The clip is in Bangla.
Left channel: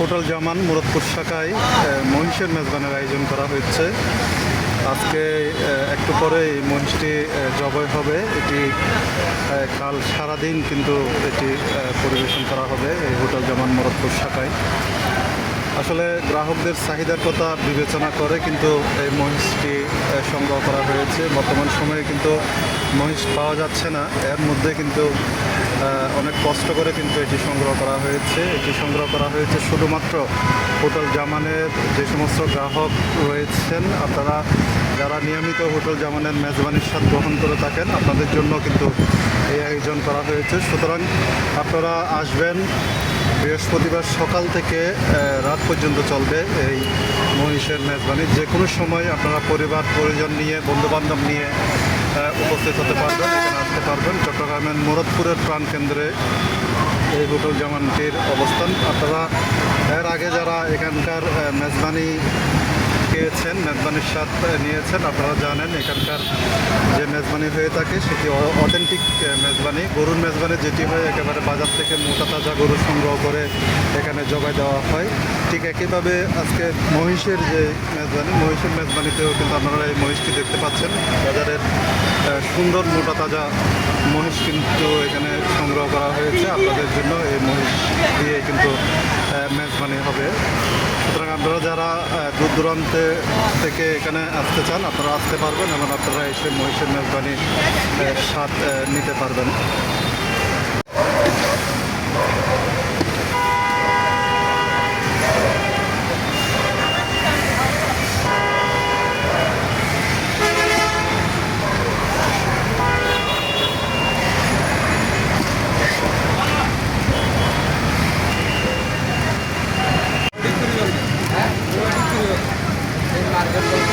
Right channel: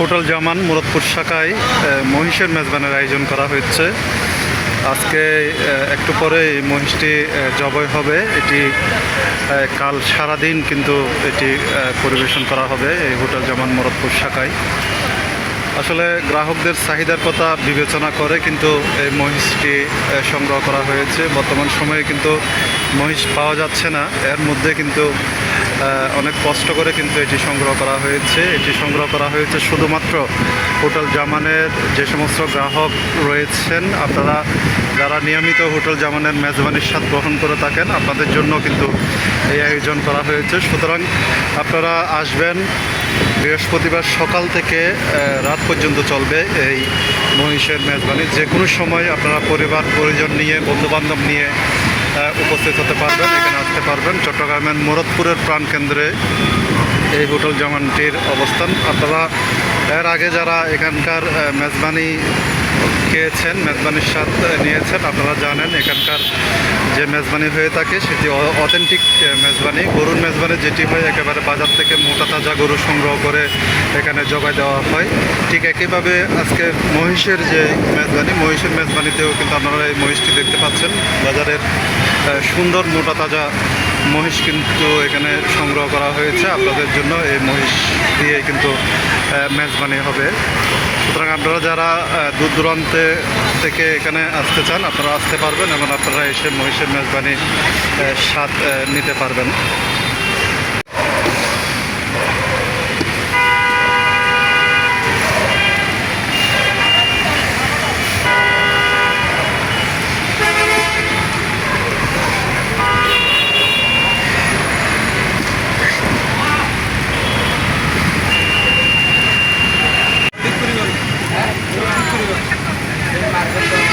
হোটেল জামান, মুরাদপুর শাখায় মহিষের মেজবানের আয়োজন করা হয়েছে। আজকে একটু পরে মহিষটি জবাই হবে। এটি কাল সারাদিন কিন্তু এটি পরিবেশন করা হবে এই হোটেল জামান, মুরাদপুর শাখায়। আসলে গ্রাহকদের চাহিদার কথা বিবেচনা করে কিন্তু এই মহিষটি সংগ্রহ করা হয়েছে। বর্তমান সময়ে কিন্তু মহিষ পাওয়া যাচ্ছে না। এর মধ্যে কিন্তু অনেক কষ্ট করে কিন্তু এটি সংগ্রহ করা হয়েছে। এটি সংগ্রহ করা হয়েছে শুধুমাত্র হোটেল জামানের যে সমস্ত গ্রাহক রয়েছেন, আপনারা যারা নিয়মিত হোটেল জামানের মেজবানির স্বাদ গ্রহণ করে থাকেন, আপনাদের জন্য কিন্তু এই আয়োজন করা হয়েছে। সুতরাং আপনারা আসবেন বৃহস্পতিবার সকাল থেকে রাত পর্যন্ত চলবে এই মহিষের মেজবানি। যে কোনো সময় আপনারা পরিবার, পরিজন নিয়ে, বন্ধুবান্ধব নিয়ে উপস্থিত হতে পারবেন, এখানে আসতে পারবেন। চট্টগ্রামের মুরদপুরের প্রাণকেন্দ্রে এই হোটেল জামানটির অবস্থান। আপনারা, এর আগে যারা এখানকার মেজবানি খেয়েছেন, মেজবানির স্বাদ নিয়েছেন। আপনারা জানেন, এখানকার যে মেজবানি হয়ে থাকে, সেটি অথেন্টিক মেজবানি। গরুর মেজবানি যেটি হয়, একেবারে বাজার থেকে মোটা তাজা গরু সংগ্রহ করে এখানে জবাই দেওয়া হয়। ঠিক একইভাবে আজকে মহিষের যে মেজবানি, মহিষের মেজবানিতেও কিন্তু আপনারা এই মহিষটি দেখতে পাচ্ছেন। বাজারের সুন্দর মোটা তাজা মহিষ কিন্তু এখানে সংগ্রহ করা হয়েছে। আপনাদের জন্য এই মহিষ দিয়ে কিন্তু মেজবানি হবে। সুতরাং আপনারা যারা দূর দূরান্তে থেকে এখানে আসতে চান, আপনারা আসতে পারবেন এবং আপনারা এসে মহিষের মেজবানি স্বাদ নিতে পারবেন। মার্কেট